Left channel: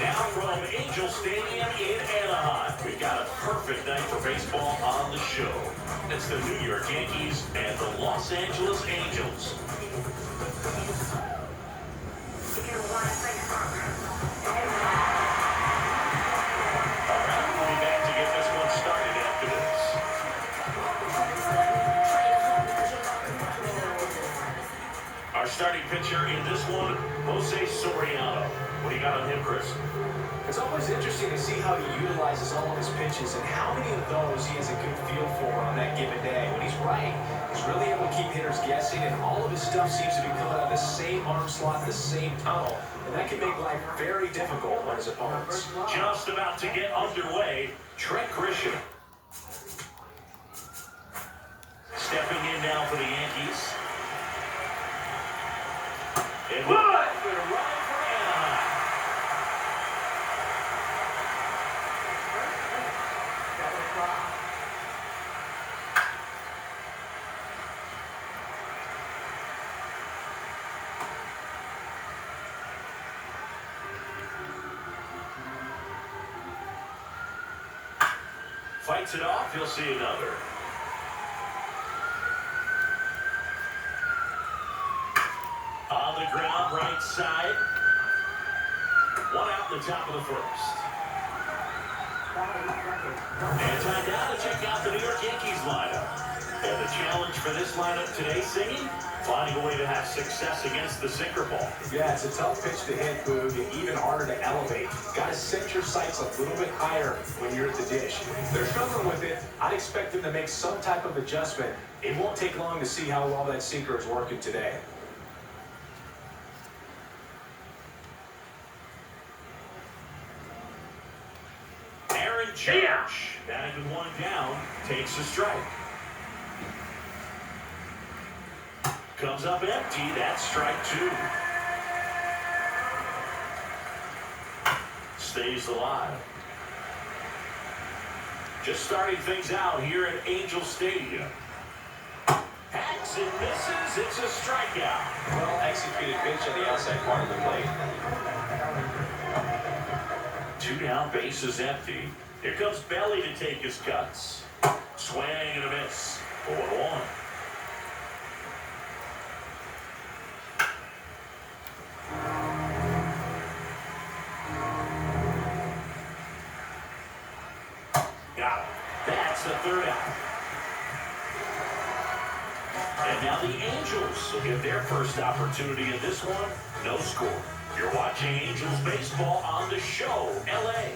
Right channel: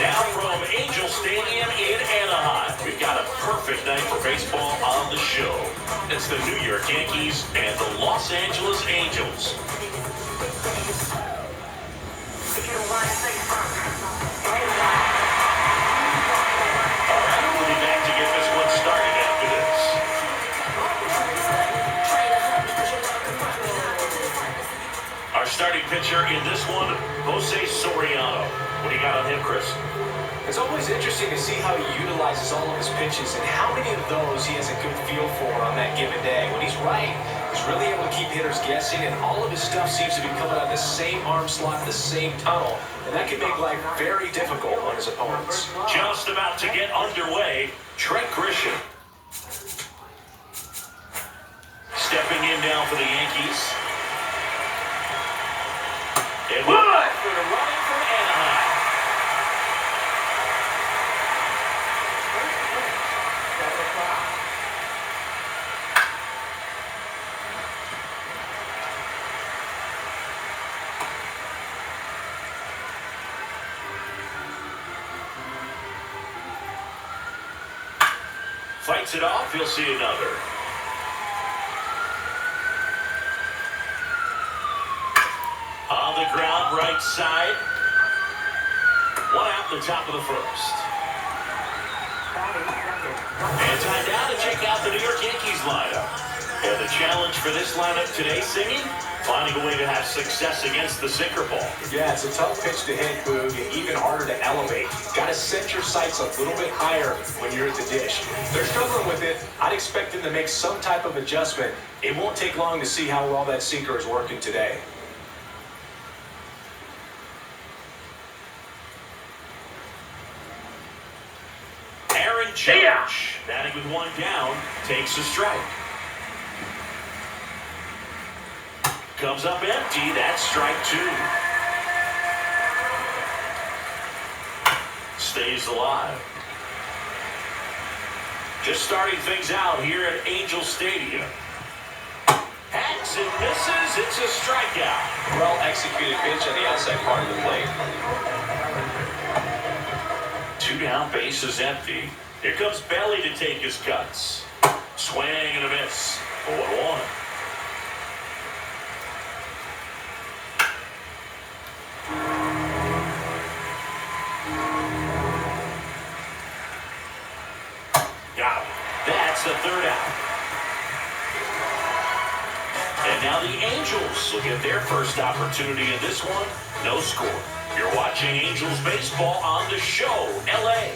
Now from Angel Stadium in Anaheim, we've got a perfect night for baseball on the show. It's the New York Yankees and the Los Angeles Angels. All right, we'll be back to get this one started after this. Our starting pitcher in this one, Jose Soriano. What do you got on him, Chris? It's always interesting to see how he utilizes all of his pitches and how many of those he has a good feel for on that given day. When he's right, he's really able to keep hitters guessing, and all of his stuff seems to be coming out of the same arm slot, the same tunnel, and that can make life very difficult on his opponents. Just about to get underway, Trent Grisham. Stepping in now for the Yankees. And we're back for the run from Anaheim. Fights it off, he'll see another. On the ground, right side. One out in the top of the first. And time now to check out the New York Yankees lineup. And the challenge for this lineup today, Singing, finding a way to have success against the sinker ball. Yeah, it's a tough pitch to hit, Boog, and even harder to elevate. Got to set your sights a little bit higher when you're at the dish. They're struggling with it. I'd expect them to make some type of adjustment. It won't take long to see how well that sinker is working today. Judge, batting with one down, takes a strike. Comes up empty, that's strike two. Stays alive. Just starting things out here at Angel Stadium. Hacks and misses, it's a strikeout. Well executed pitch on the outside part of the plate. Two down, base is empty. Here comes Belly to take his cuts. Swing and a miss. 0-1. Got him. That's the third out. And now the Angels will get their first opportunity in this one. No score. You're watching Angels baseball on the show, LA.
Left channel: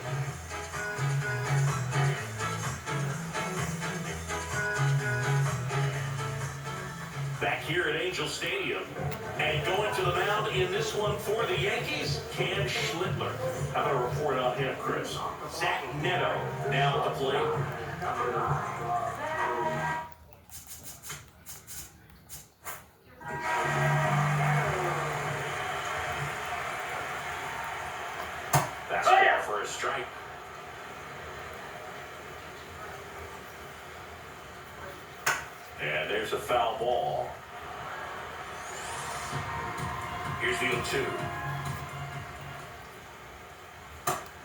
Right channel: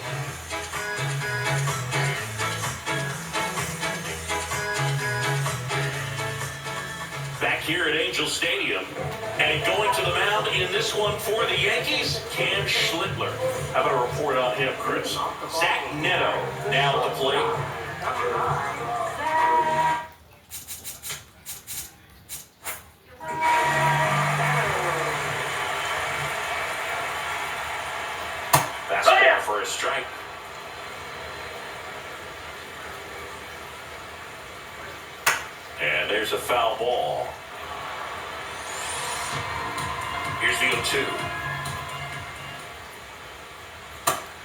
Back here at Angel Stadium, and going to the mound in this one for the Yankees, Cam Schlittler. How about a report on him, Chris? Zach Neto now at the plate. Fastball for a strike. And there's a foul ball. Here's the 0-2.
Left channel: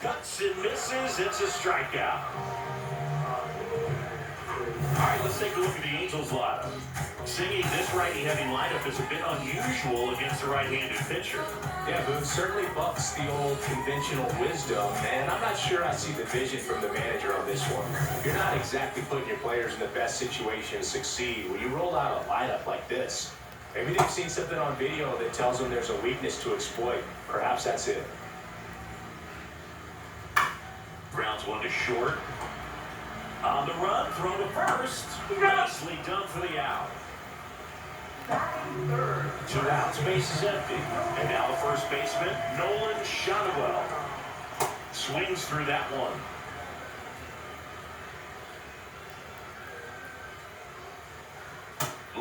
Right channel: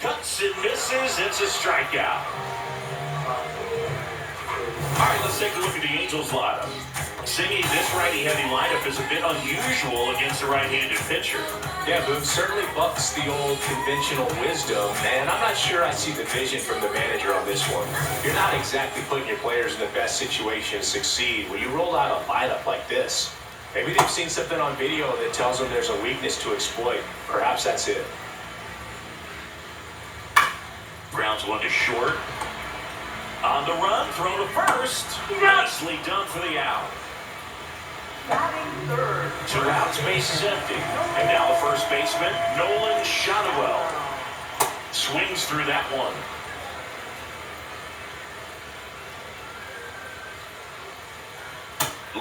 Cuts and misses. It's a strikeout. All right, let's take a look at the Angels lineup. Singing, this righty-heavy lineup is a bit unusual against a right-handed pitcher. Yeah, Boog certainly bucks the old conventional wisdom, and I'm not sure I see the vision from the manager on this one. You're not exactly putting your players in the best situation to succeed when you roll out a lineup like this. Maybe they've seen something on video that tells them there's a weakness to exploit. Perhaps that's it. Grounds one to short. On the run, throw to first. Nicely done for the out. Third. Two outs, base is empty. And now the first baseman, Nolan Shotwell. Swings through that one.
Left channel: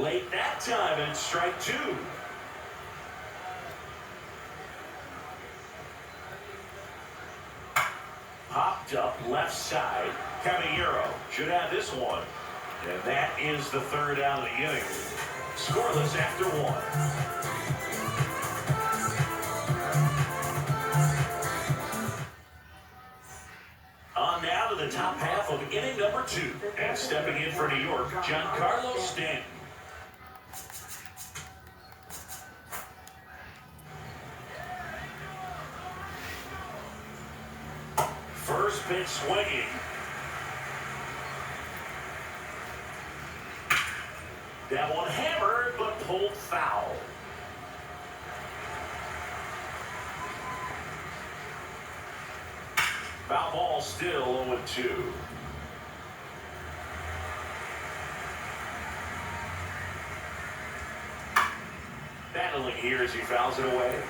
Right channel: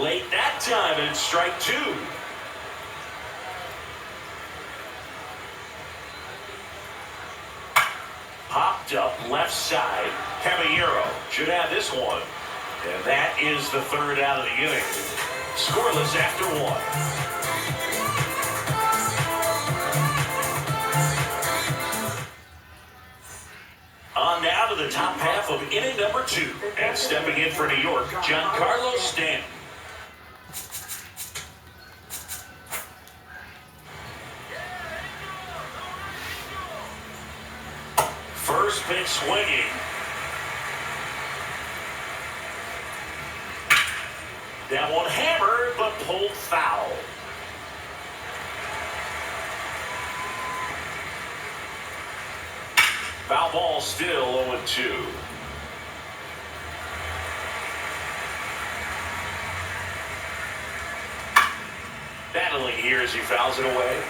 Late that time, and it's strike two. Popped up left side. Caballero should have this one. And that is the third out of the inning. Scoreless after one. off of inning number 2. And stepping in for New York, Giancarlo Stanton. First pitch swinging. That one hammered, but pulled foul. Foul ball still 0-2. Battling here as he fouls it away.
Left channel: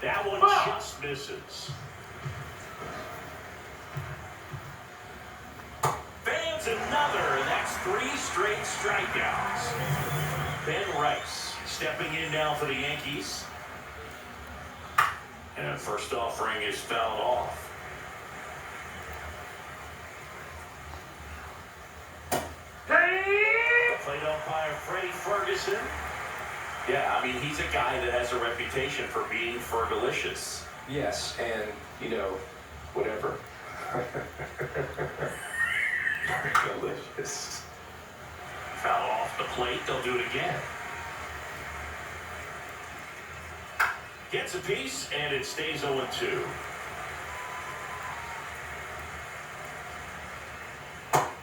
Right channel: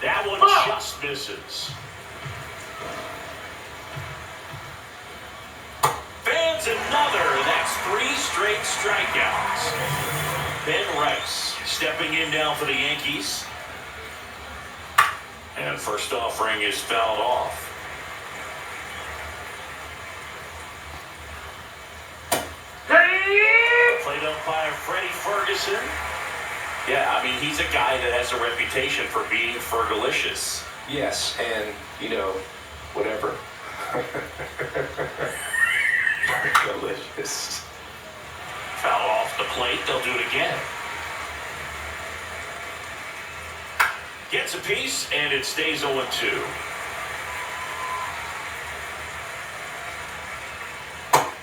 That one just misses. Fans another. That's 3 straight strikeouts. Ben Rice stepping in now for the Yankees. And first offering is fouled off. Played umpire Freddie Ferguson. Yeah, I mean, he's a guy that has a reputation for being fergalicious. Yes, and, whatever. Delicious. Foul off the plate. They'll do it again. Gets a piece, and it stays 0-2.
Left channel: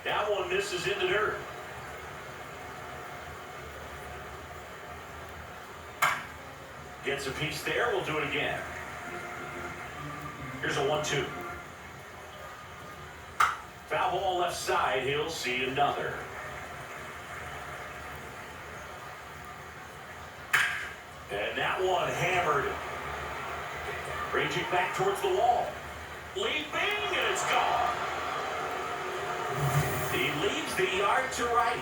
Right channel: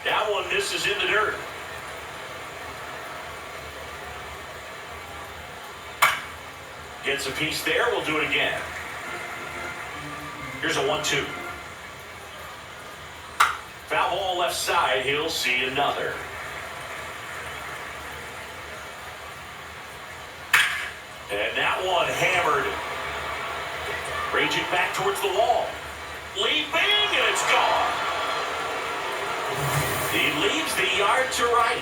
That one misses in the dirt. Gets a piece there. We'll do it again. Here's a 1-2. Foul ball left side. He'll see another. And that one hammered. Raging back towards the wall. Leaping, and it's gone. He leaves the yard to right.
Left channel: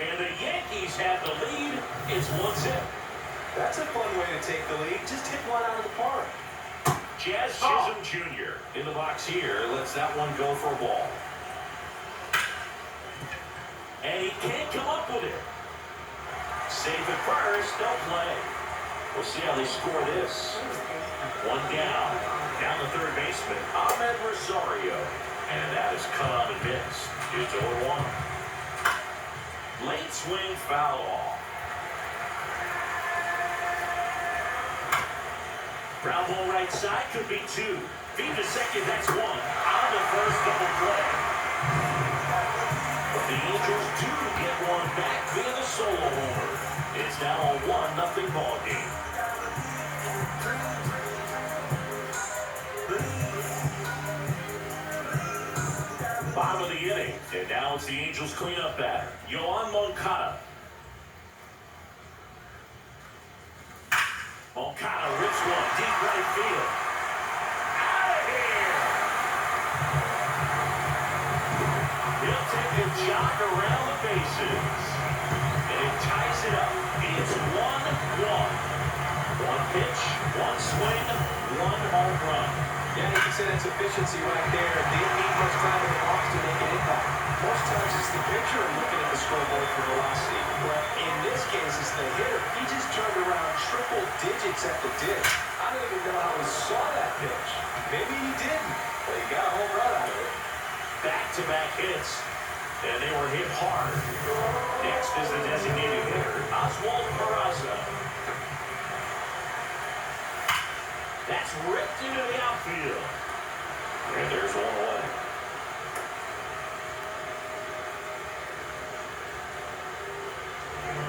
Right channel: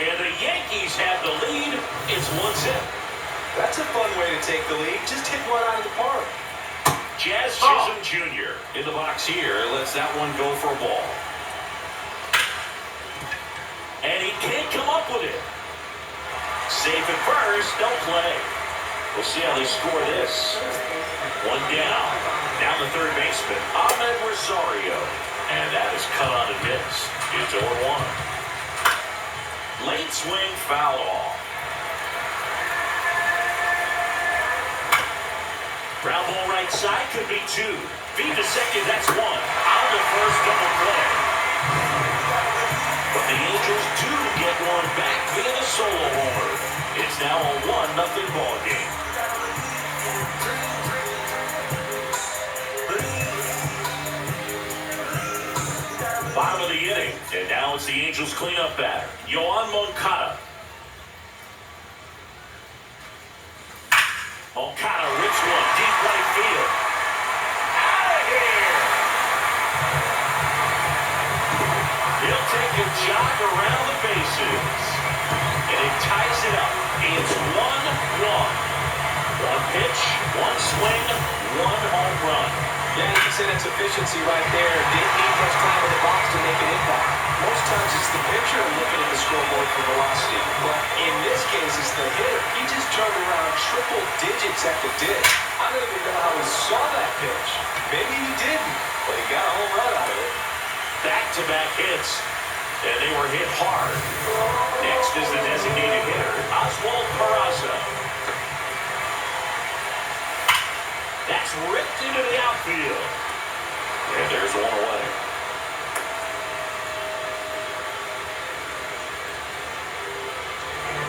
And the Yankees have the lead. It's 1-0. That's a fun way to take the lead. Just hit one out of the park. Jazz Chisholm Jr. in the box here. Lets that one go for a ball. And he can't come up with it. Safe at first. Don't play. We'll see how they score this. One down. Down the third baseman, Ahmed Rosario. And that is cut on and missed. It's 0-1. Late swing fouled off. Ground ball right side could be 2. Feed to second, that's 1. On the first double play. But the Angels do get one back via the solo homer. It's now a 1-0 ball game. Bottom of the inning, and now it's the Angels cleanup batter, Yoan Moncada. Moncada rips one deep right field. Out of here! He'll take a jog around the bases. And it ties it up. It's 1-1. One pitch, one swing, one home run. Yeah, you said it's efficiency right there. Didn't need much time in the box to make an impact. Most times it's the pitcher looking at the scoreboard for velocity. But in this case, it's the hitter. He just turned around triple digits at the ditch. I don't even know how he saw that pitch. Maybe he didn't, but he got a home run out of it. Back-to-back hits, and they were hit hard. Next is the designated hitter, Oswald Peraza. That's ripped into the outfield. And there's one away.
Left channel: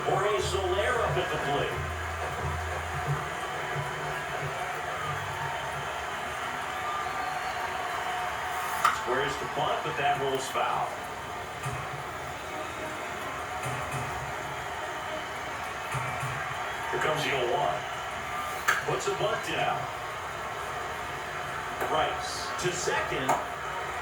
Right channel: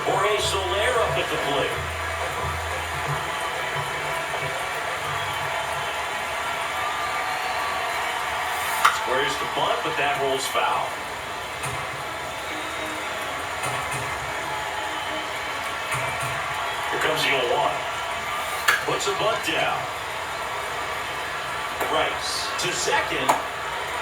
Jorge Soler up at the plate. Squares the bunt, but that rolls foul. Here comes the 0-1. Puts a bunt down. Rice to second,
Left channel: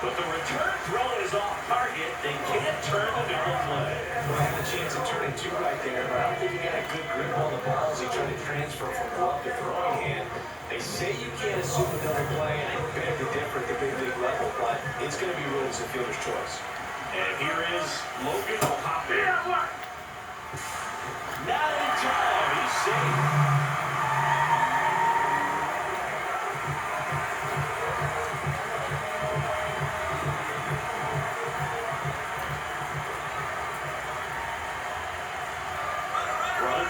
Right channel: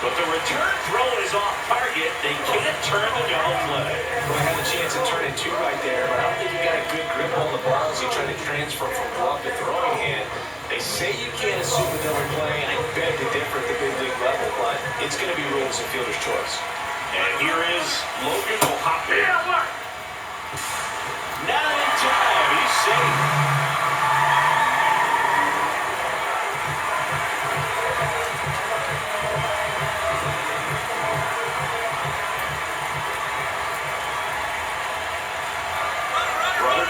but the return throw is off target. They can't turn the double play. Well, I had a chance to turn it 2 right there, but I don't think he got a good grip on the ball as he tried to transfer from glove to throwing hand. They say you can't assume a double play. I beg to differ at the big league level, but it's going to be ruled as a fielder's choice. And here is Logan O'Hoppe. Not in time. He's safe.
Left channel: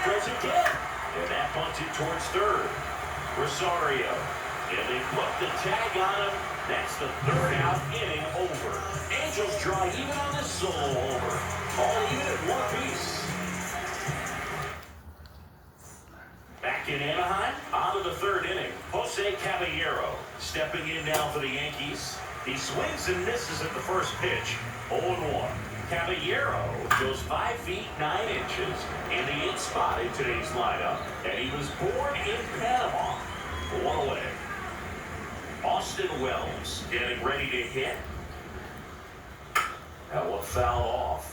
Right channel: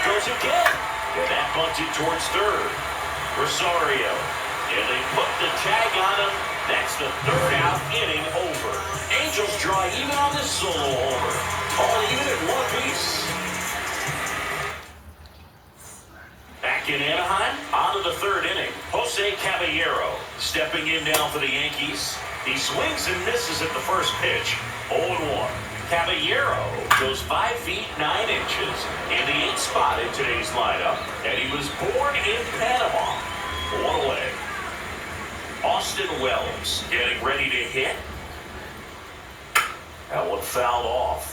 goes again. And that bunted towards third. Rosario. And they put the tag on him. That's the third out, inning over. Angels draw even on this solo homer. All even at one apiece. Back in Anaheim, on to the third inning. Jose Caballero stepping in now for the Yankees. He swings and misses at the first pitch. 0-1. Caballero goes 5 feet 9 inches in the 8th spot in today's lineup. And he was born in Panama. One away. Austin Wells getting ready to hit. That one fouled off.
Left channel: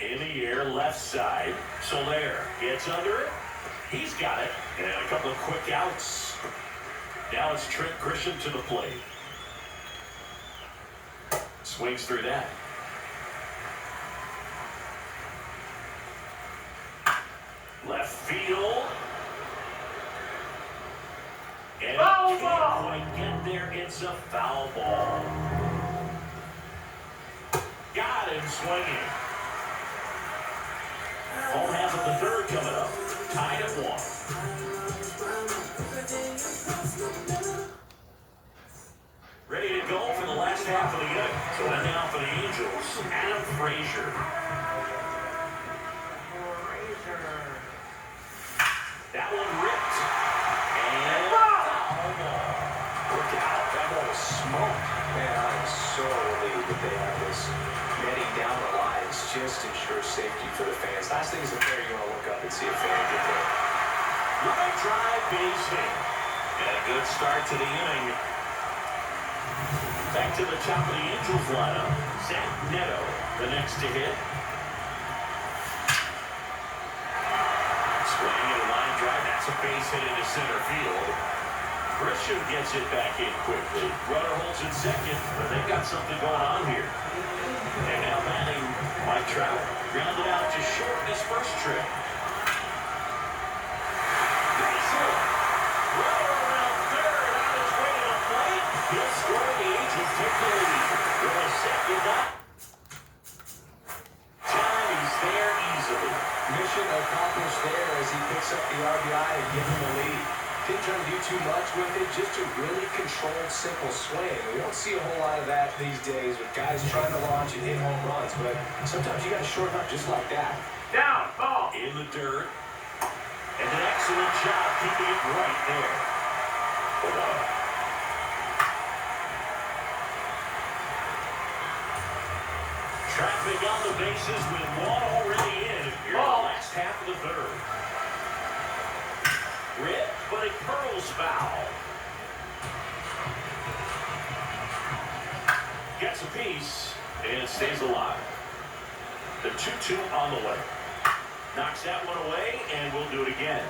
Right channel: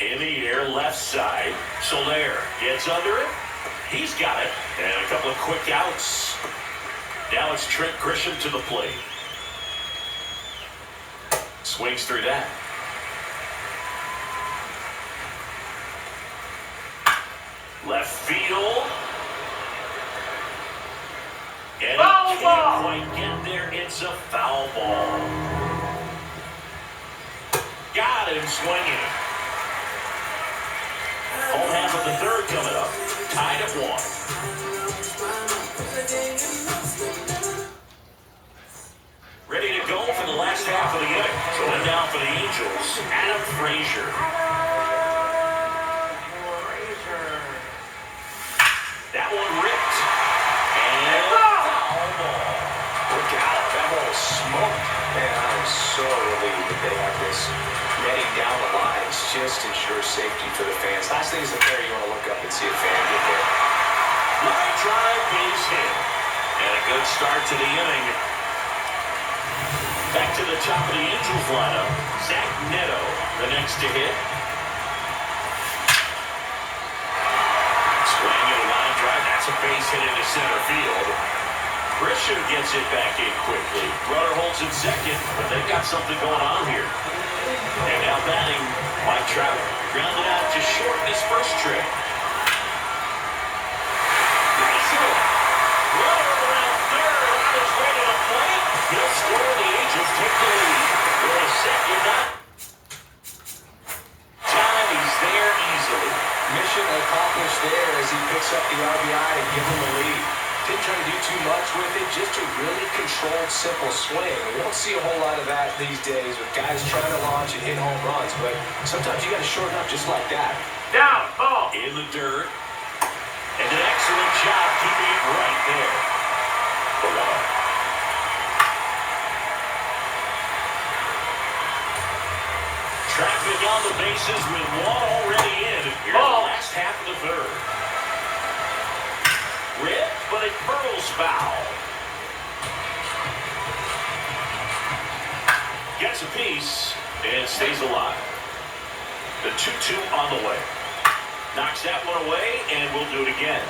In the air, left side. Soler gets under it. He's got it. And a couple of quick outs. Now it's Trent Grisham to the plate. Swings through that. Left field. And Foul he ball. can't quite get there. It's a foul ball. Got him swinging. Whole half of the third coming up. Tied at 1. Ready to go for the last half of the inning. Going down for the Angels, Adam Frazier. That one ripped. And foul ball. Look out. That ball was smoked. Man, I'm so relieved that they have this netting down the lines. Just ensure safety for the fans. Last thing is the fair, you want to look up and see a fan get there. Line drive, base hit. And a good start to the inning. Back to the top of the Angels lineup. Zach Neto, the next to hit. Swing and a line drive. That's a base hit into center field. Grisham gets it back in quickly. Runner holds in second, but they've got something going on here. And now batting Mike Trout. Grounded out to short in his first trip. Nice hit. Runner around third on his way to the plate. He'll score. The Angels take the lead. With a second out. Time, he's there easily. Mission accomplished there as he picks up the RBI and gives him the lead. Didn't try to do too much with it, just a really controlled, simple swing. We won't see a whole lot of that these days with guys trying to launch and hit home runs, but sometimes you got to shorten up just like that. Down, ball. In the dirt. And an excellent job keeping it right there. For one. Traffic on the bases with one already in. Here's the last half of the third. Rip, but it curls foul. Gets a piece and stays alive. The 2-2 on the way. Knocks that one away, and we'll do it again.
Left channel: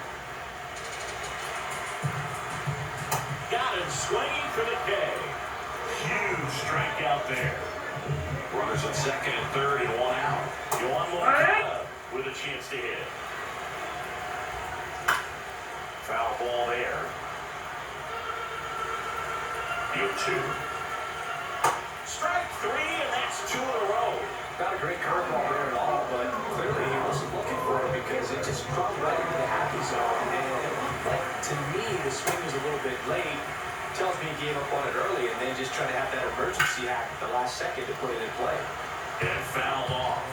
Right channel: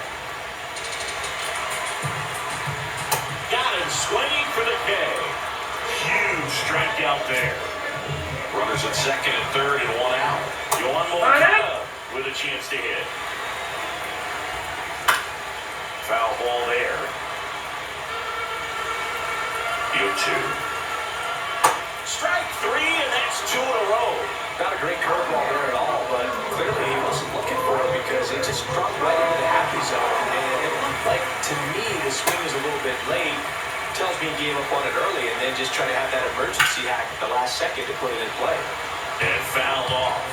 Got him swinging for the K. Huge strikeout there. Runners at second and third and one out. Yohan Moncada with a chance to hit. Foul ball there. 0-2. Strike 3, and that's 2 in a row. Not a great curveball there at all, but clearly he wasn't looking for it because it just dropped right into the happy zone. And it looked like, to me, the swing was a little bit late. Tells me he gave up on it early and then just tried to have that emergency hack at the last second to put it in play. And fouled off.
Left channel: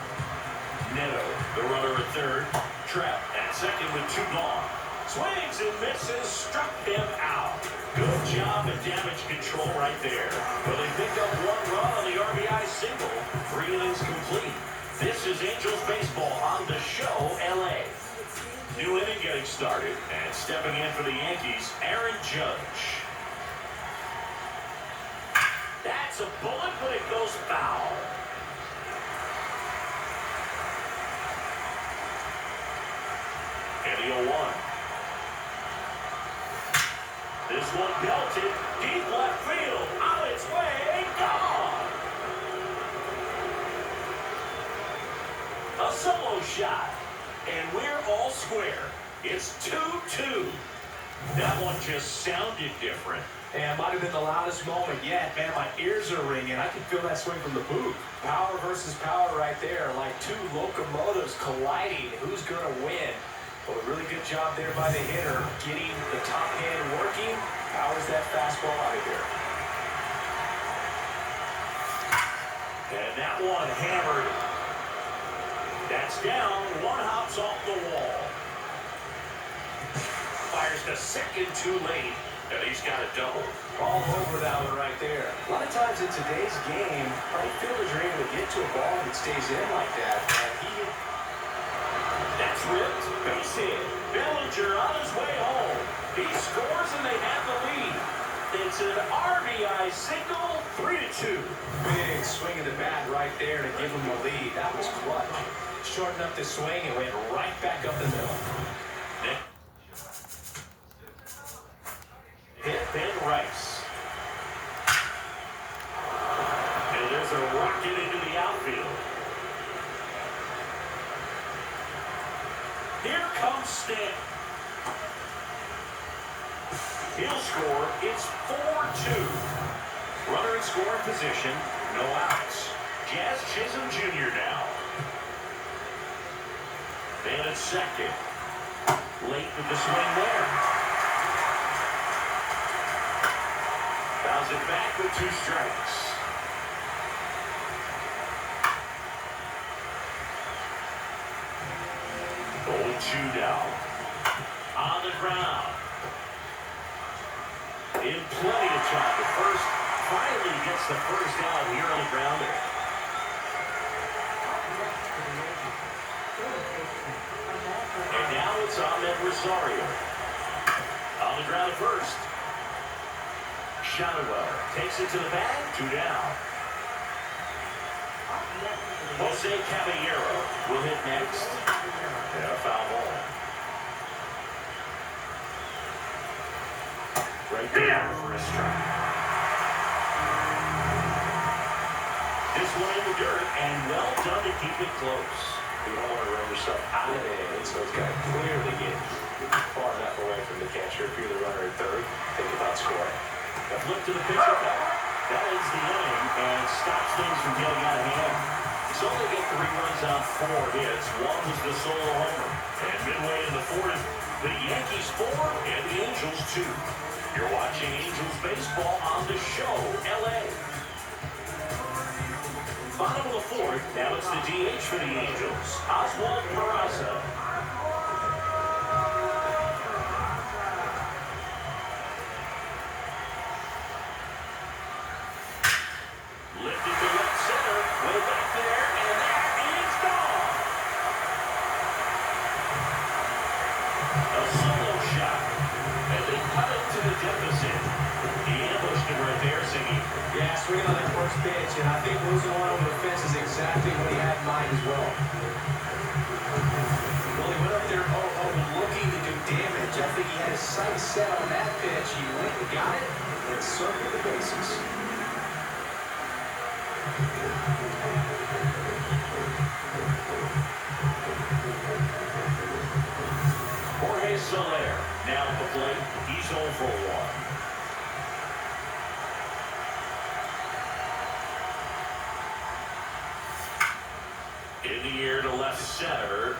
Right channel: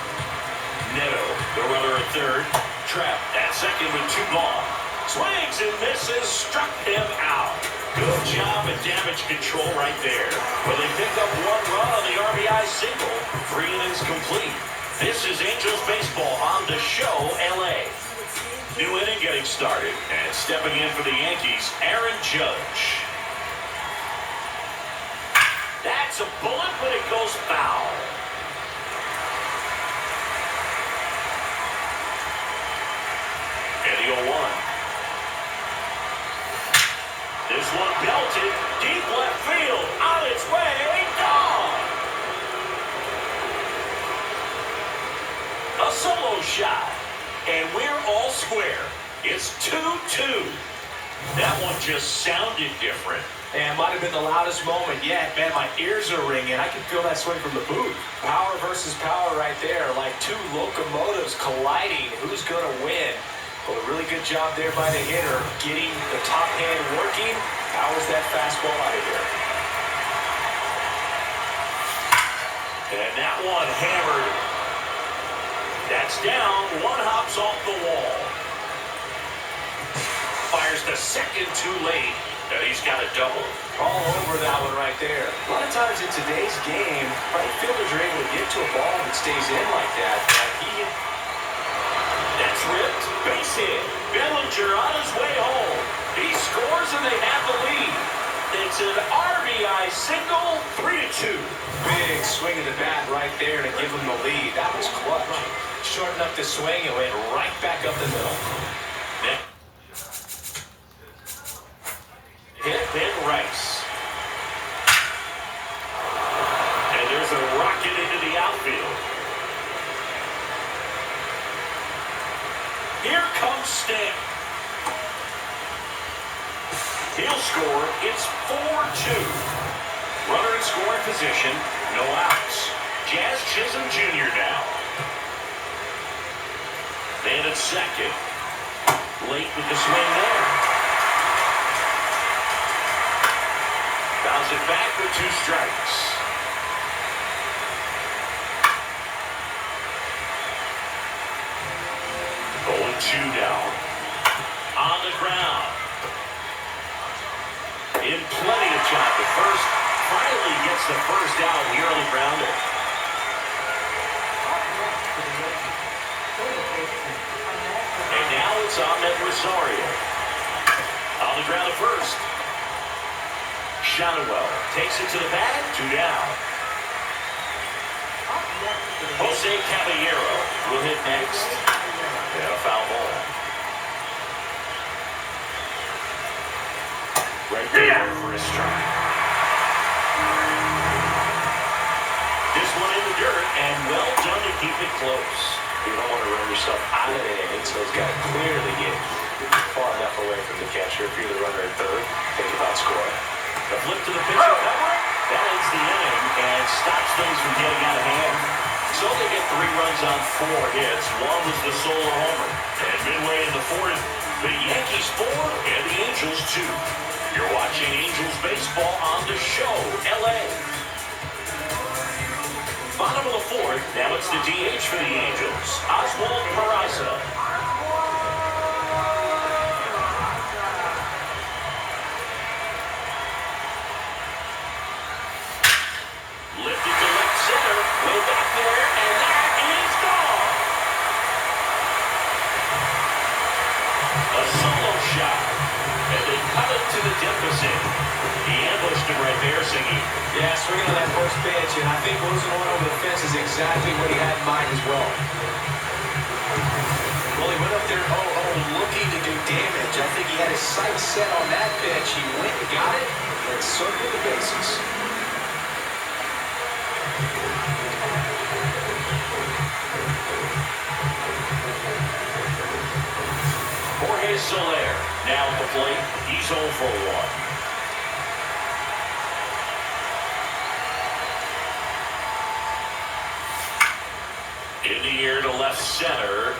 Neto, the runner at third. Trapped at second with 2 gone. Swings and misses, struck him out. Good job at damage control right there. Well, they picked up 1 run on the RBI single. 3 innings complete. This is Angels baseball on the show, LA. New inning getting started. And stepping in for the Yankees, Aaron Judge. That's a bullet, but it goes foul. And the 0-1. This one belted, deep left field, on its way, gone. A solo shot, and we're all square. It's 2-2. That one just sounded different. And might have been the loudest moment yet. Man, my ears are ringing. I can feel that swing from the booth. Power versus power right there. Like two locomotives colliding. Who's going to win? Well, a really good job there by the hitter. Getting the top hand working. Powers that fastball out of here. And that one hammered. That's down. One hops off the wall. Fires the second too late. And he's got a double. All over that one right there. A lot of times in today's game, right fielders are able to get to a ball that stays in like that. That's ripped. Base hit. Bellinger on his way home. He scores and they have the lead. It's an RBI single, 3-2. Big swing of the bat right there to give him the lead. That was clutch. Shortened up the swing and went right back up the middle. Hit Ben Rice. And there's a rocket into the outfield. Here comes Stamp. He'll score. It's 4-2. Runner in scoring position. No outs. Jazz Chisholm Jr. now. Man at second. Late with the swing there. Fouls it back with 2 strikes. Going 2 down. On the ground. In plenty of time. The first finally gets the first out. The early grounder. And now it's Ahmed Rosario. On the ground at first. Shadowell takes it to the bag. 2 down. Jose Caballero will hit next. And a foul ball. Right there for a strike. This one in the dirt, and well done to keep it close. You don't want to run yourself out of the inning, so it's got to clearly get far enough away from the catcher. If you're the runner at third, think about scoring. The flip to the pitcher cover. That ends the inning and stops things from getting out of hand. So they get 3 runs on 4 hits. One was the solo homer. And midway in the 4th, the Yankees 4 and the Angels 2. You're watching Angels baseball on the show, LA. Bottom of the 4th, now it's the DH for the Angels, Oswald Peraza. Lifted to left center, way back there, and that is gone. A solo shot, and they cut it to the deficit. He ambushed him right there, singing. Yeah, swinging on that first pitch, and I think losing one over the fence is exactly what he had in mind as well. Well, he went up there looking to do damage. I think he had his sights set on that pitch. He went and got it, and circled the bases. Jorge Soler now at the plate. He's 0 for 1. In the air to left center.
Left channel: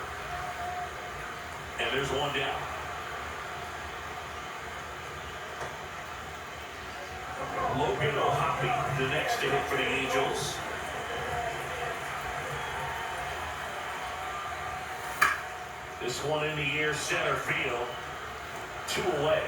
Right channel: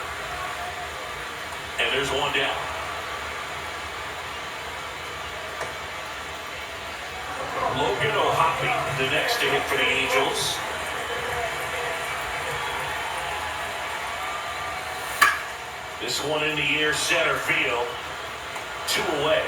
And there's 1 down. Logan O'Hoppe, the next to hit for the Angels. This one in the air, center field. 2 away.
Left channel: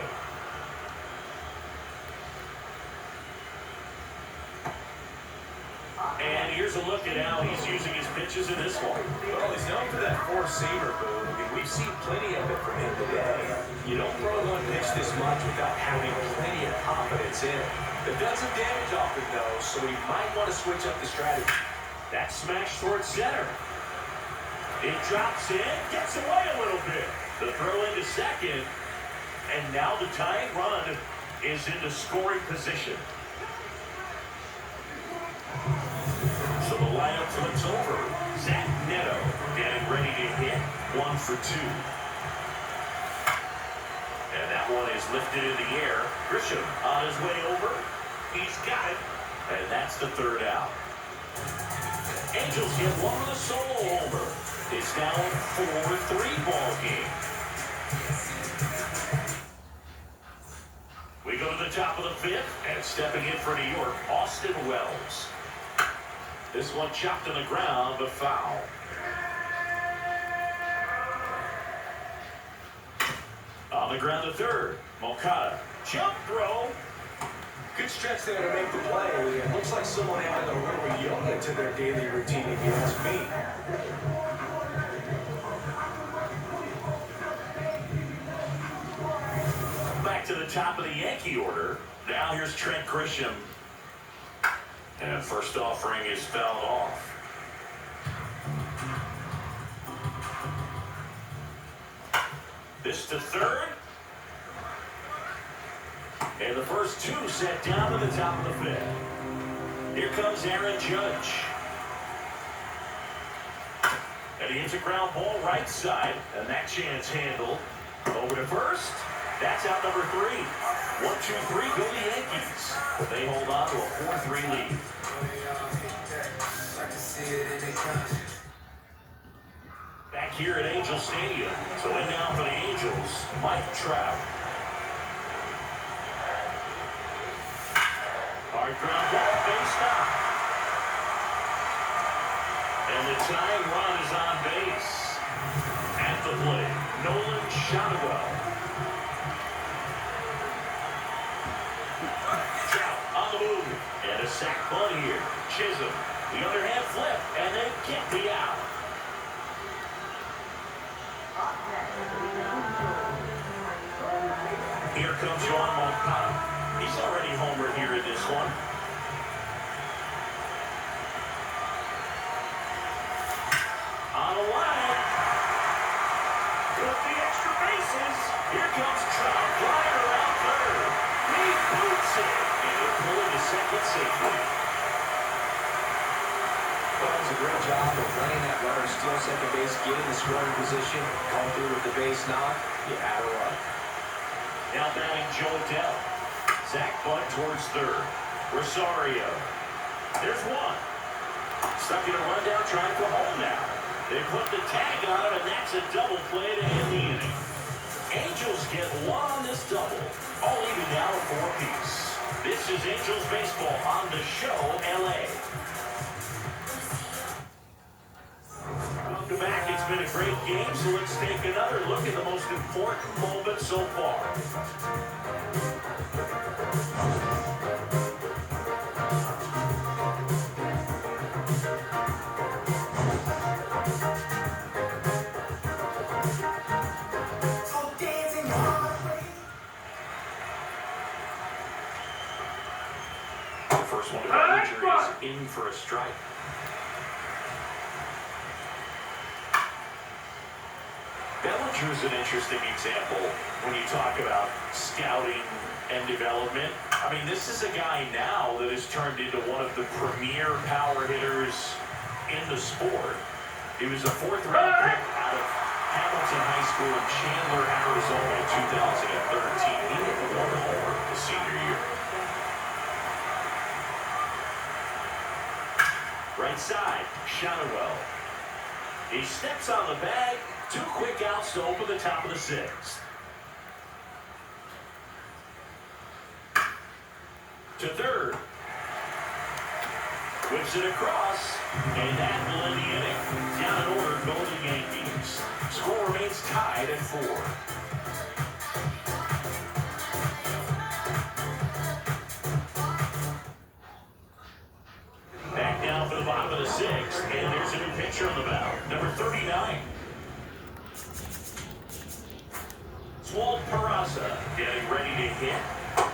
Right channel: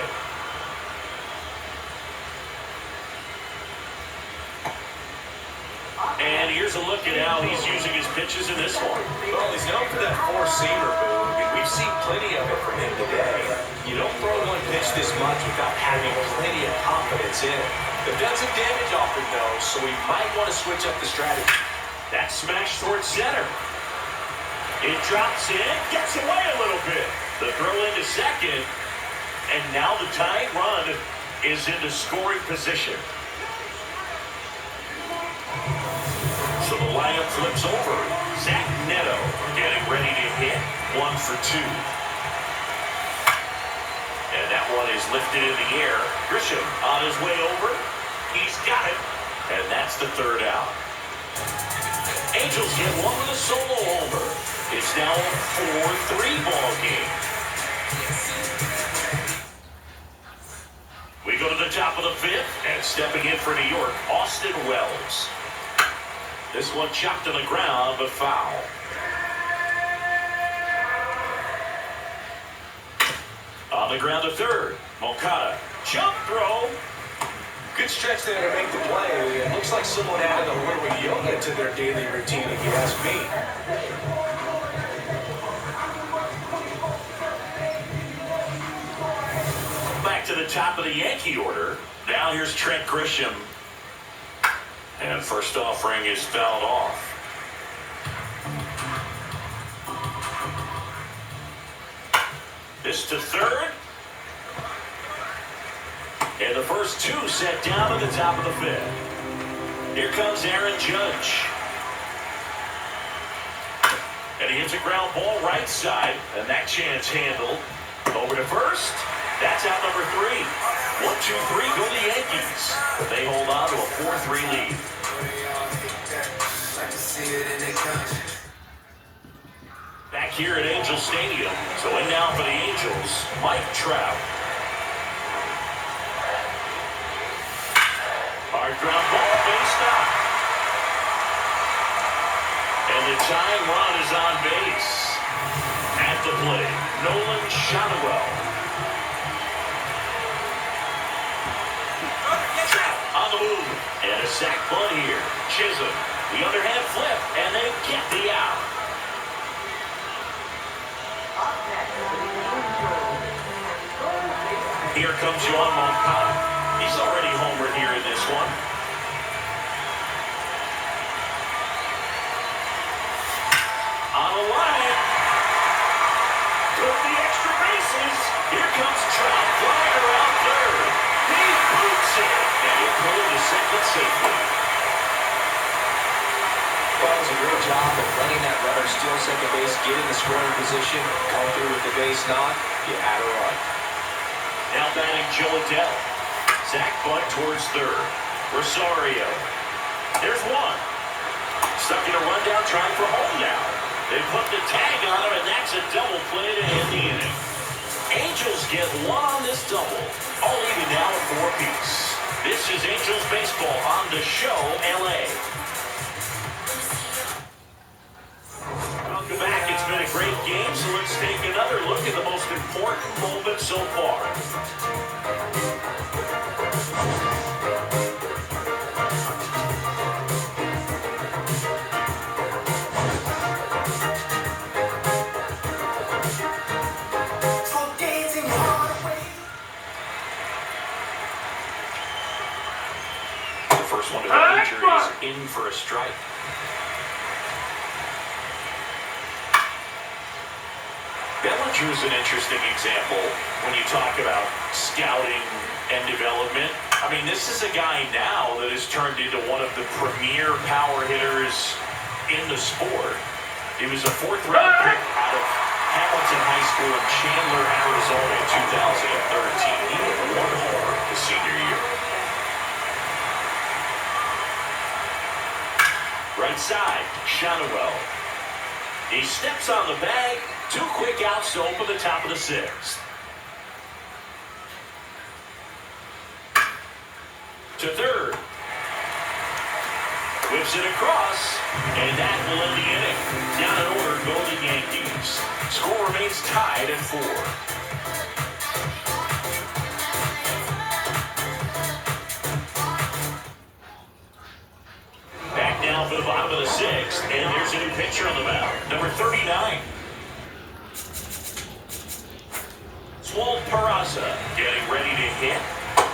And here's a look at how he's using his pitches in this one. Well, he's known for that four-seamer, Boo. I mean, we've seen plenty of it from him today. You don't throw one pitch this much without having plenty of confidence in it. They've done some damage off it, though, so we might want to switch up the strategy. That smash towards center. It drops in, gets away a little bit. The throw into second, and now the tying run is into scoring position. So the lineup flips over. Zach Neto getting ready to hit. 1 for 2. And that one is lifted in the air. Grisham on his way over. He's got it. And that's the third out. Angels get one with a solo homer. It's now a 4-3 ball game. We go to the top of the fifth, and stepping in for New York, Austin Wells. This one chopped on the ground, but foul. On the ground to third, Moncada. Jump throw. Good stretch there to make the play. It looks like someone added a little yoga to their daily routine, if you ask me. Back to the top of the Yankee order. Now here's Trent Grisham. And first offering is fouled off. This to third. And the first two set down at the top of the fifth. Here comes Aaron Judge. And he hits a ground ball right side. And that chance handled. Over to first. That's out number 3. 1-2-3 go the Yankees. They hold on to a 4-3 lead. Back here at Angel Stadium. So in now for the Angels, Mike Trout. Hard ground ball, base knock. And the tying run is on base. At the plate, Nolan Shotwell. Trout on the move. And a sac bunt here. Chisholm, the underhand flip, and they get the out. Here comes Yoan Moncada. He's already homered here in this one. On the line. Took the extra bases. Here comes Trout flying around third. He boots it. And he'll pull it to second safely. Well, it's a great job of letting that runner steal second base, get in the scoring position, come through with the base knock. You add a run. Now batting Joe Adell. Zach Butt towards third. Rosario. There's one. Stuck in a rundown trying for home now. They put the tag on him, and that's a double play to end the inning. Angels get one on this double. All even now at 4-piece. This is Angels baseball on the show, LA. Welcome back. It's been a great game, so let's take another look at the most important moment so far. The first one to the major is in for a strike. Bellinger is an interesting example when you talk about scouting and development. I mean, this is a guy now that has turned into one of the premier power hitters in the sport. He was a 4th-round pick out of Hamilton High School in Chandler, Arizona in 2013. He hit 1 homer his senior year. Right side, Shotwell. He steps on the bag. 2 quick outs to open the top of the 6th. To third. Whips it across. And that will end the inning. Down in order go the Yankees. Score remains tied at 4. Back down for the bottom of the 6th. And there's a new pitcher on the mound. Number 39. Walt Peraza getting ready to hit.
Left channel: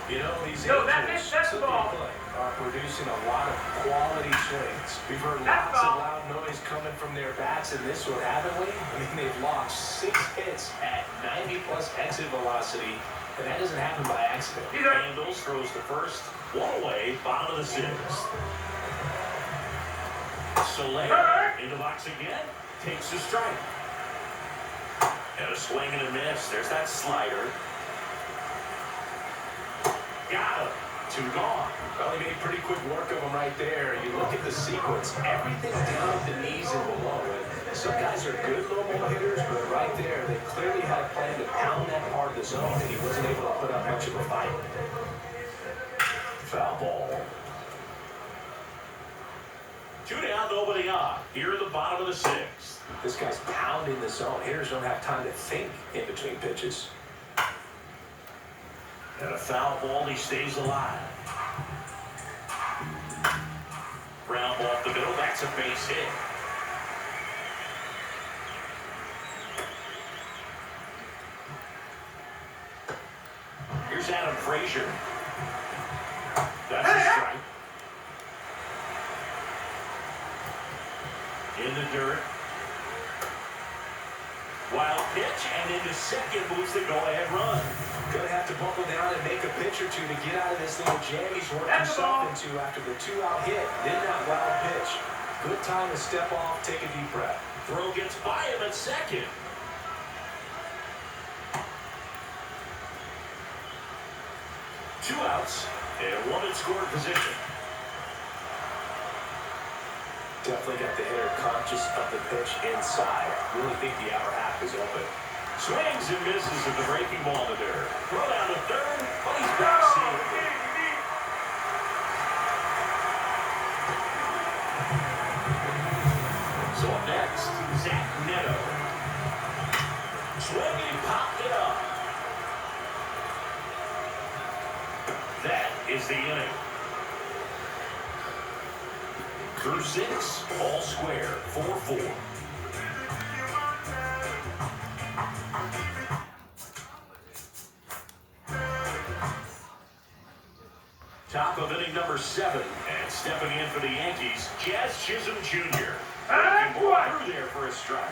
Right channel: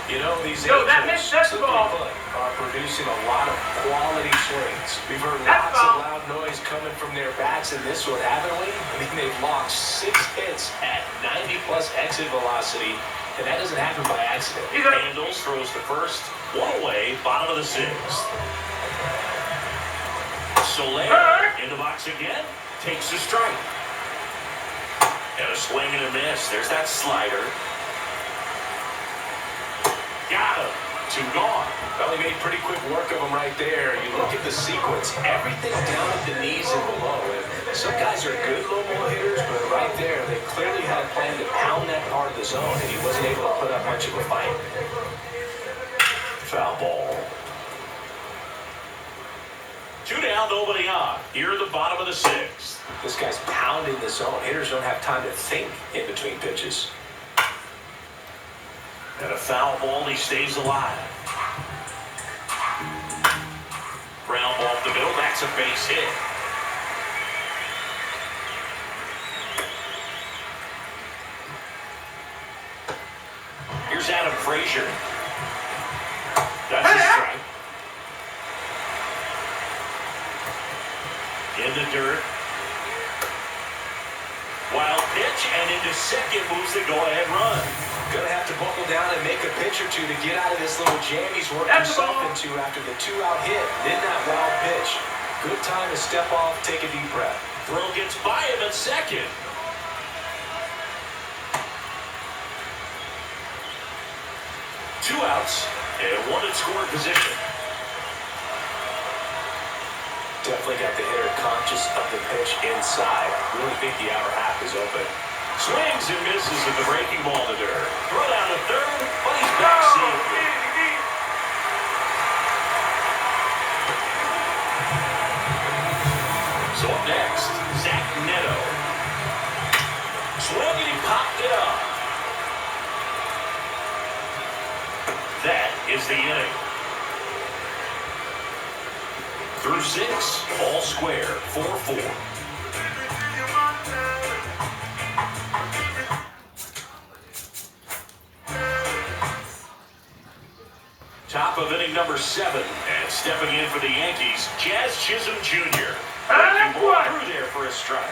You know, these Angels are producing a lot of quality swings. We've heard lots of loud noise coming from their bats in this one, haven't we? I mean, they've launched 6 hits at 90-plus exit velocity, and that doesn't happen by accident. Handles, throws to first. 1 away, bottom of the 6th. Soler in the box again. Takes the strike. And a swing and a miss. There's that slider. Got him. 2 gone. Well, he made pretty quick work of him right there. You look at the sequence, everything down at the knees and below. And some guys are good low ball hitters, but right there, they clearly had a plan to pound that part of the zone, and he wasn't able to put up much of a fight. Foul ball. 2 down, nobody on. Here at the bottom of the 6th. This guy's pounding the zone. Hitters don't have time to think in between pitches. And a foul ball, he stays alive. Ground ball up the middle, that's a base hit. Here's Adam Frazier. That's a strike. In the dirt. Wild pitch, and into second moves the go-ahead run. Gonna have to buckle down and make a pitch or two to get out of this little jam he's worked himself into after the 2-out hit. Then that wild pitch. Good time to step off, take a deep breath. Throw gets by him at second. Two outs and one in scoring position. Definitely got the hitter conscious of the pitch inside. Really think the outer half is open. Swings and misses at the breaking ball to dirt. Throw down to third, but he's back safely. So up next, Zach Neto. Swing and he popped it up. That is the inning. Through 6, all square, 4-4. Top of inning number 7, and stepping in for the Yankees, Jazz Chisholm Jr. Breaking ball through there for a strike.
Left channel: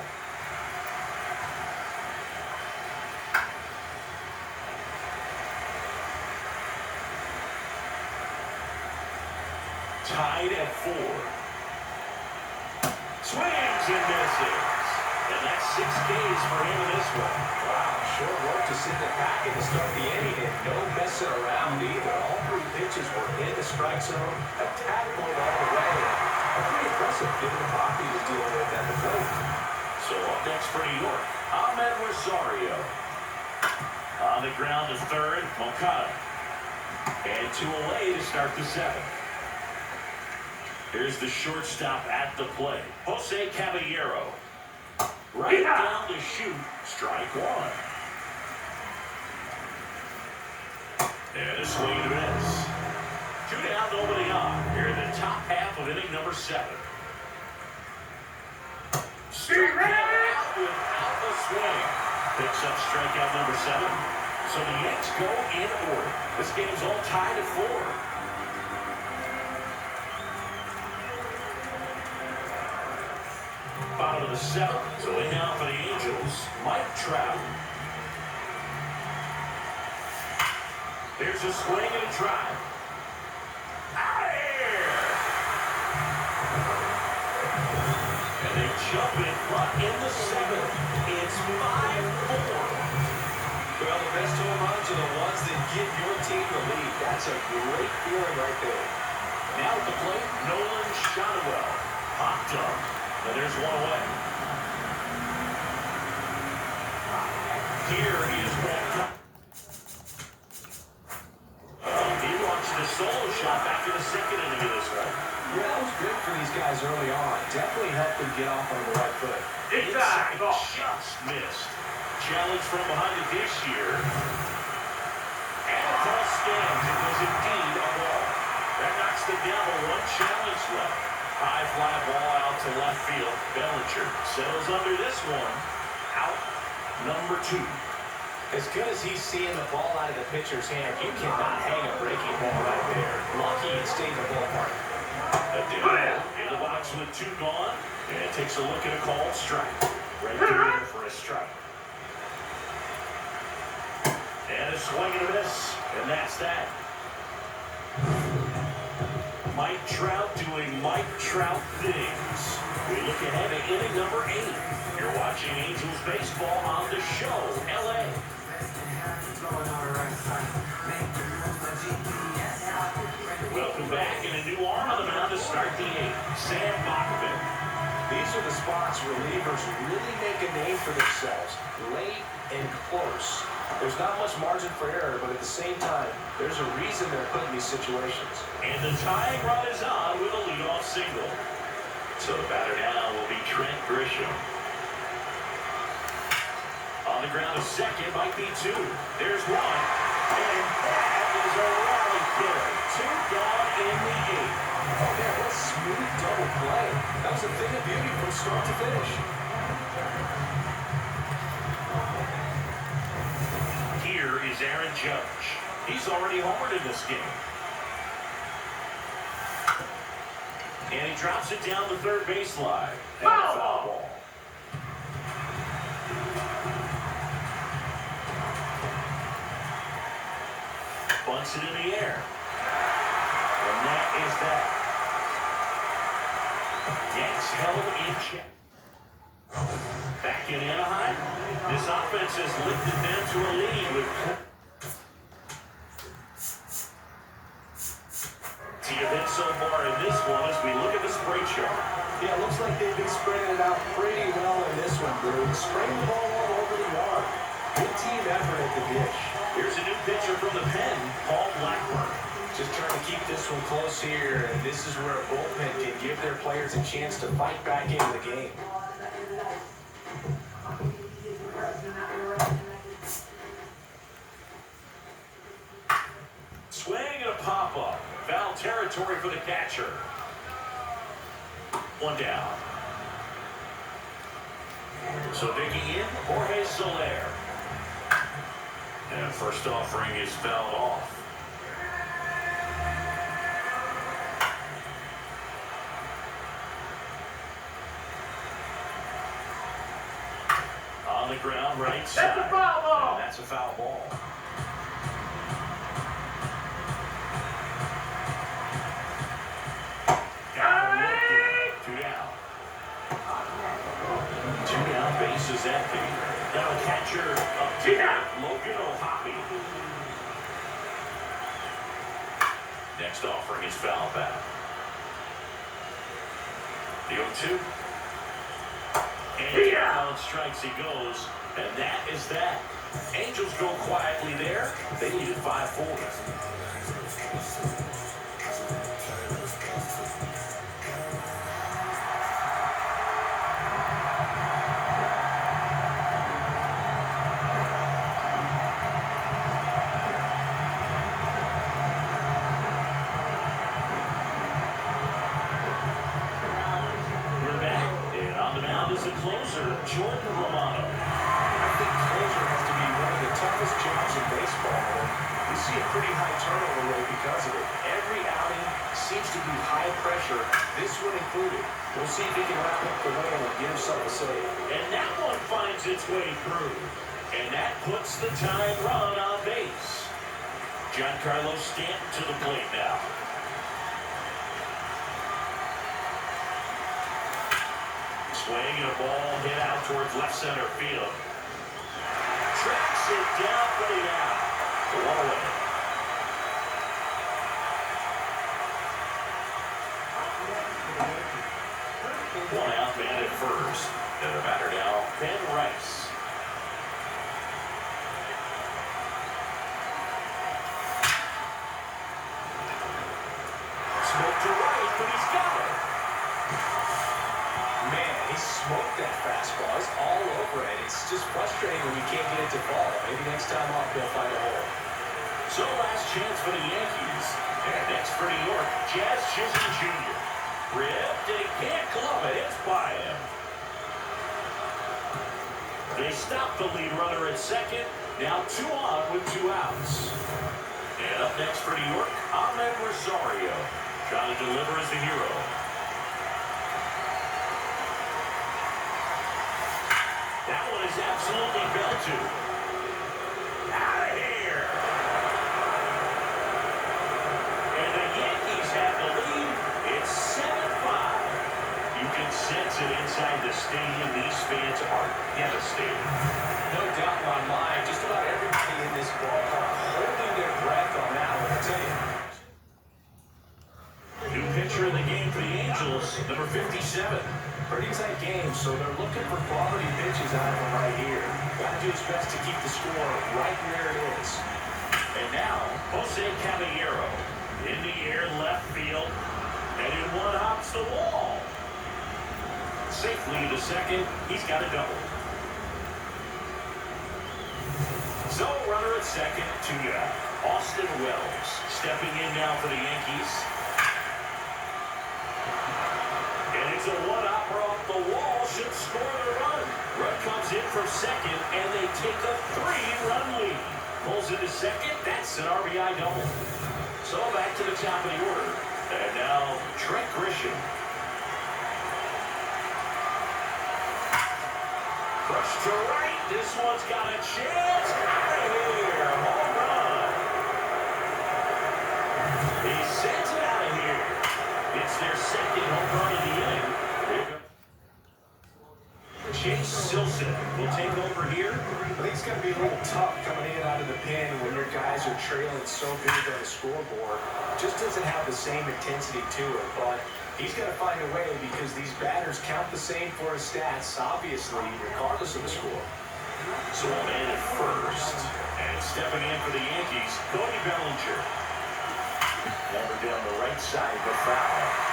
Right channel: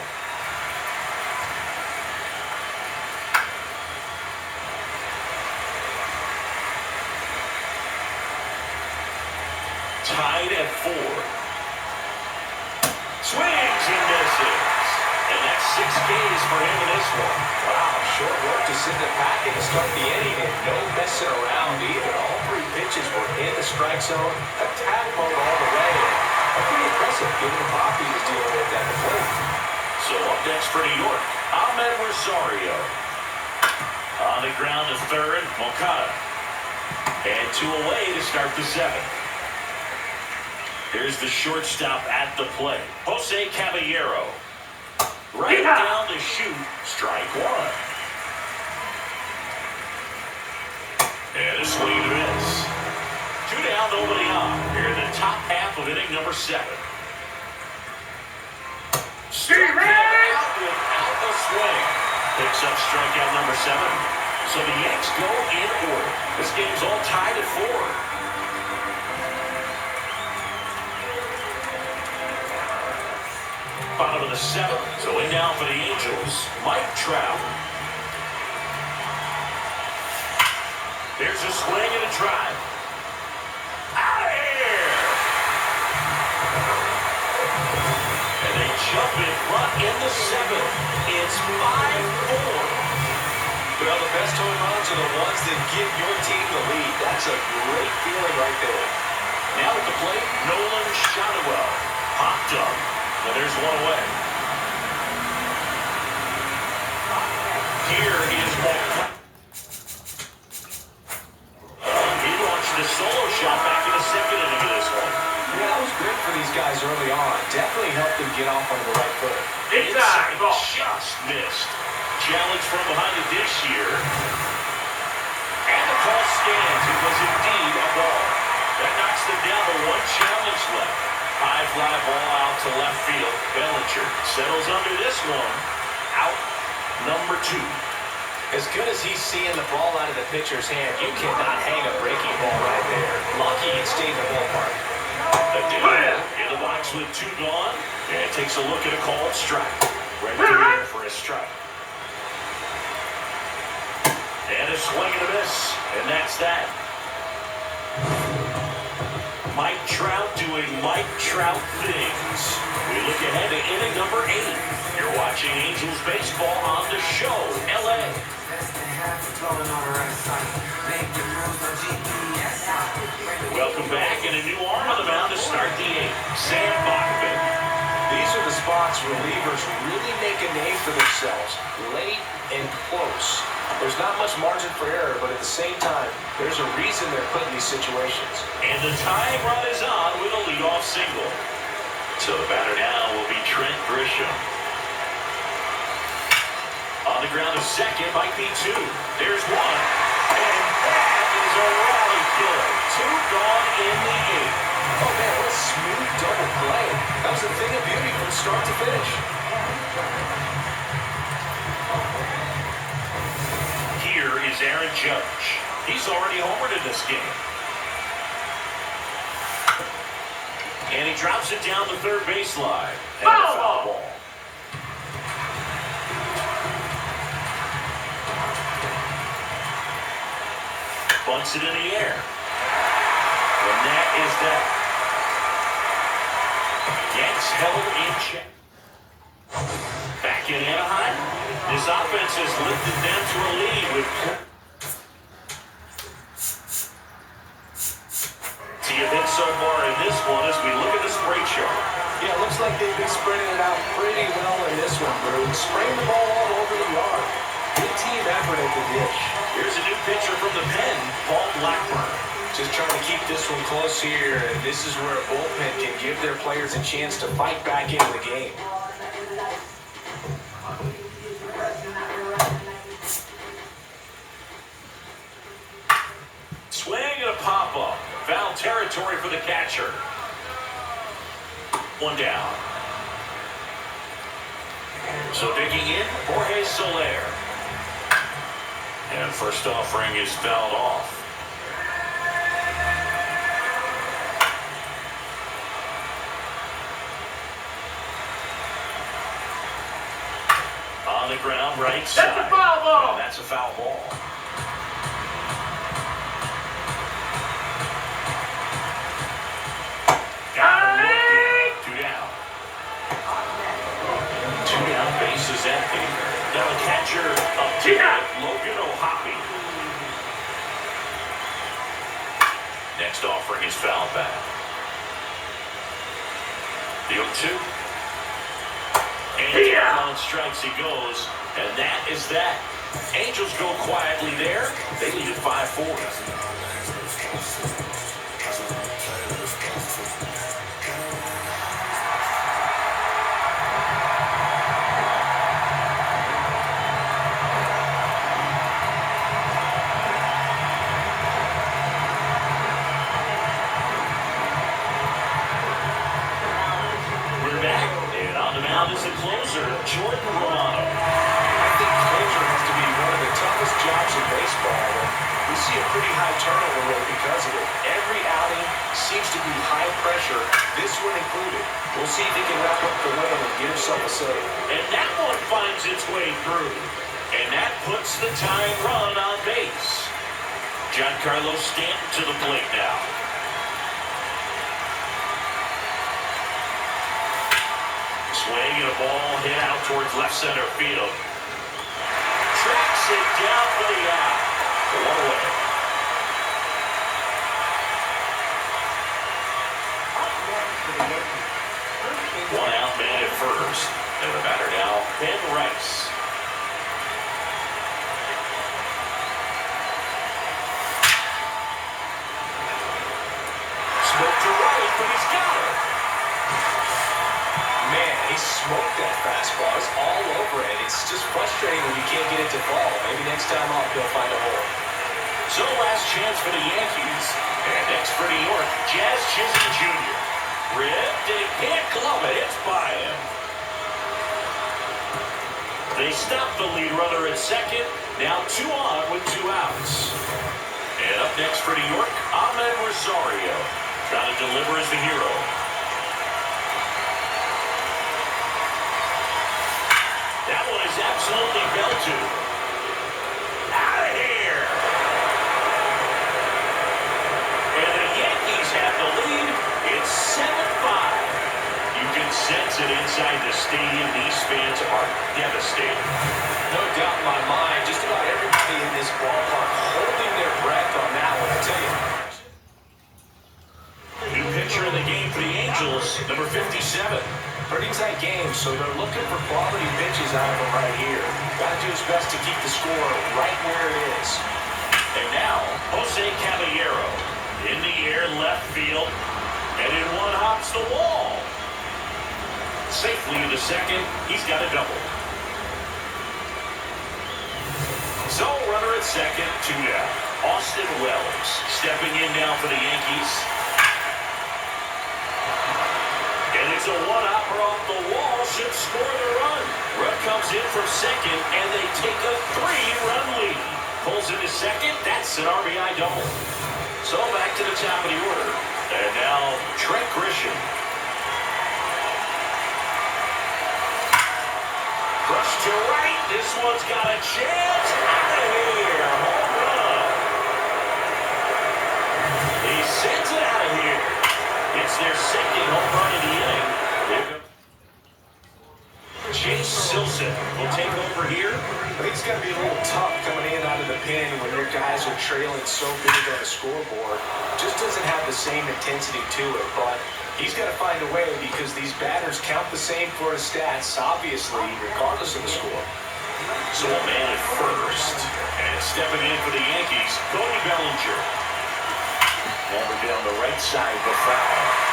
Tied at 4. Swings and misses. And that's 6 Ks for him in this one. Wow, short work to send the pack and to start the inning, and no messing around either. All 3 pitches were in the strike zone, attack mode all the way, and pretty impressive given the pop he was dealing with at the plate. So up next for New York, Ahmed Rosario. On the ground to third, Moncada. And 2 away to start the 7th. Here's the shortstop at the plate, Jose Caballero. Right down to shoot, strike 1. And a swing and a miss. 2 down, nobody on. Here in the top half of inning number 7. Struck out without a swing. Picks up strikeout number 7. So the Yanks go in order. This game's all tied at 4. Bottom of the 7th. So in now for the Angels, Mike Trout. There's a swing and a drive. Out of here! And they jump in front in the 7th. It's 5-4. Well, the best home runs are the ones that give your team the lead. That's a great feeling right there. Now at the plate, Nolan Shotwell. Popped up. And there's 1 away. Here is Walker. He launched a solo shot back in the 2nd inning of this one. Yeah, that was good for these guys early on. Definitely helped them get off on the right foot. Inside just missed. Challenge from behind the dish here. And the call stands. It was indeed a ball. That knocks them down to 1 challenge left. High fly ball out to left field. Bellinger settles under this one. Out number 2. As good as he's seeing the ball out of the pitcher's hand, you cannot hang a breaking ball right there. Lucky it stayed in the ballpark. Again, in the box with 2 gone. And takes a look at a called strike. Right through there for a strike. And a swing and a miss. And that's that. Mike Trout doing Mike Trout things. We look ahead to inning number 8. You're watching Angels baseball on the show, LA. These are the spots relievers really make a name for themselves, late and close. There's not much margin for error, but at the same time, there's a reason they're put in these situations. And the tying run is on with a leadoff single. So the batter now will be Trent Grisham. On the ground of second might be two. There's one. And that is a rally kill. Two gone in the eighth. Oh, man, what a smooth double play. That was a thing of beauty from start to finish. Here is Aaron Judge. He's already homered in this game. And he drops it down the third baseline. And a foul ball. Bunts it in the air. And that is that. Yanks held in check. Back in Anaheim, this offense has lifted them to a lead with see a bit so far in this one as we look at the spray chart. Yeah, it looks like they've been spreading it out pretty well in this one, Drew. Spraying the ball all over the yard. Good team effort at the dish. Here's a new pitcher from the pen, Paul Blackburn. Just trying to keep this one close here, and this is where a bullpen can give their players a chance to fight back into the game. Swing and a pop-up. Foul territory for the catcher. One down. So digging in, Jorge Soler. And first offering is fouled off. On the ground, right side. That's a foul ball. And that's a foul ball. Got him looking. Two down. Two down, base is empty. Now the catcher up to Logan O'Hoppe. Next offering is foul back. The 0-2. And on strikes he goes, and that is that. Angels go quietly there. They lead at 5-4. Is the closer, Jordan Romano. I think closer has to be one of the toughest jobs in baseball. We see a pretty high turnover rate because of it. Every outing seems to be high pressure, this one included. We'll see if he can wrap up the win and get himself a save. And that one finds its way through. And that puts the tying run on base. Giancarlo Stanton to the plate now. Swing and a ball hit out towards left center field. Tracks it down for the out. One away. One out man at first. And the batter now, Ben Rice. Smoke to right, but he's got it. Man, he smoked that fastball. It's all over it. It's just frustrating when you can't get it to fall. Maybe next time off he'll find a hole. So last chance for the Yankees. And next for New York, Jazz Chisholm Jr. Ripped and he can't glove it. It's by him. They stop the lead runner at second. Now 2 on with 2 outs. And up next for New York, Ahmed Rosario. Trying to deliver as the hero. That one is absolutely belted. Out of here. And the Yankees have the lead. It's 7-5. You can sense it inside the stadium. These fans are devastated. No doubt in my mind, just about everybody in this ballpark holding their breath on that one, I tell you. New pitcher in the game for the Angels, number 57. Pretty tight game, so they're looking for quality pitches out of him right here. Got to do his best to keep the score right where it is. And now, Jose Caballero in the air left field. And in one hops the wall. Safely to second. He's got a double. So runner at second, 2 down. Austin Wells stepping in now for the Yankees. And it's a one-hopper off the wall. Should score the run. Run comes in from second, and they take a 3-run lead. Pulls into second. That's an RBI double. So back to the top of the order. And now Trent Grisham. Push to right. This one's got a chance. Out of here. Home run. He sends it out of here. It's their second home run of the inning. Chase Silson will take over here. I think it's going to be a little tough coming in out of the pen when your guys are trailing so big on the scoreboard. Just doesn't have the same intensity to it, but he's got to find a way because these batters count the same for his stats, obviously, regardless of the score. So a man at first. And stepping in for the Yankees, Cody Bellinger. Never down the right side, but foul.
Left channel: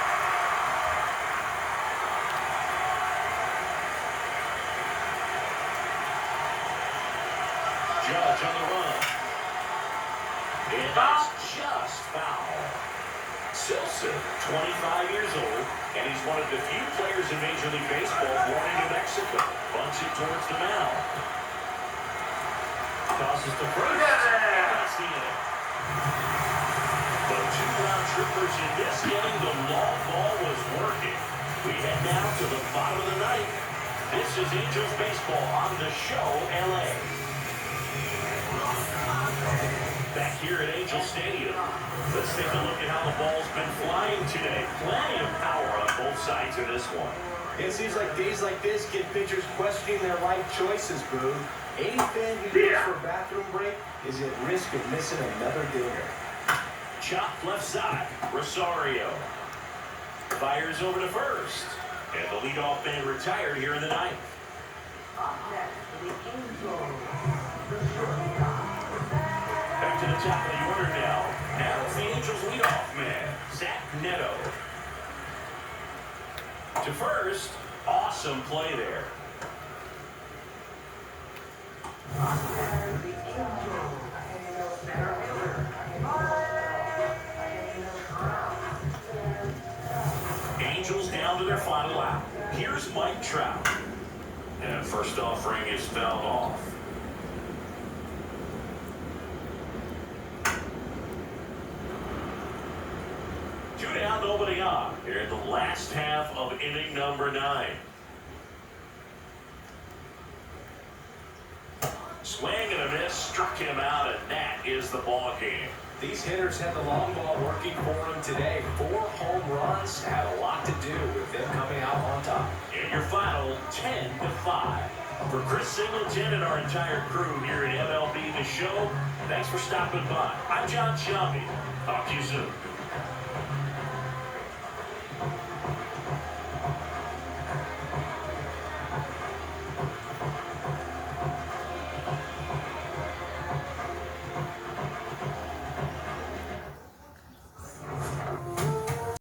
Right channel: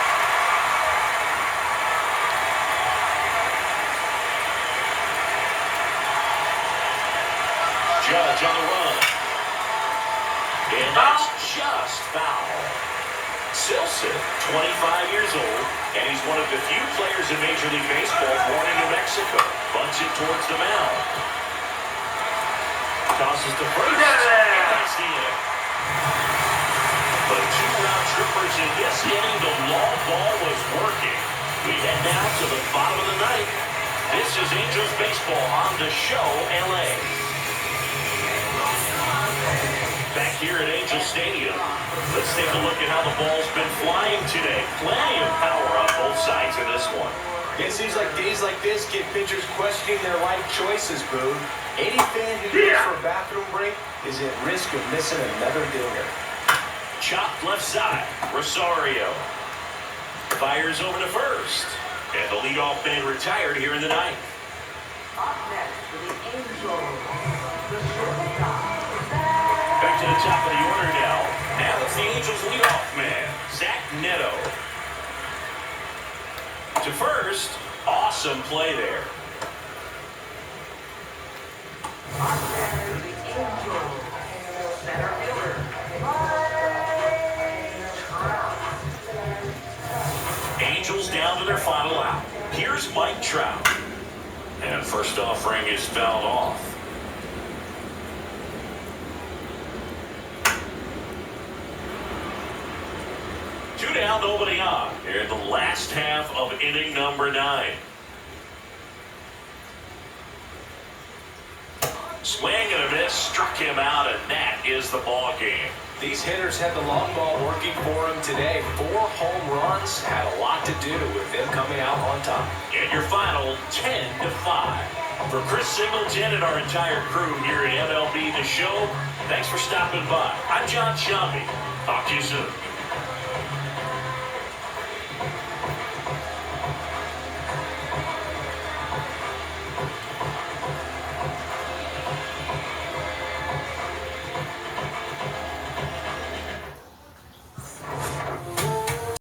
Judge on the run. And that's just foul. Silson, 25 years old, and he's one of the few players in Major League Baseball born in New Mexico. Bunts it towards the mound. Tosses to first. That's the inning. But 2 round trippers in this inning. The long ball was working. We head now to the bottom of the ninth. This is Angels baseball on the show, LA. Back here at Angel Stadium, let's take a look at how the ball's been flying today. Plenty of power on both sides of this one. It seems like days like this get pitchers questioning their life choices, Boone. Any fan who goes for a bathroom break is at risk of missing another dinger. Chopped left side, Rosario. Fires over to first. And the leadoff man retired here in the ninth. Up next for the Angels, the shortstop. Back to the top of the order now. Now it's the Angels leadoff man, Zach Neto. To first, awesome play there. Up next, the Angels, center fielder. Angels down to their final out. Here's Mike Trout. And first offering is fouled off. Two down, nobody on. Here in the last half of inning number 9. Swing and a miss, struck him out, and that is the ball game. These hitters had the long ball working for them today. 4 home runs had a lot to do with them coming out on top. And your final 10-5. For Chris Singleton and our entire crew here at MLB The Show, thanks for stopping by. I'm John Shelby. Talk to you soon.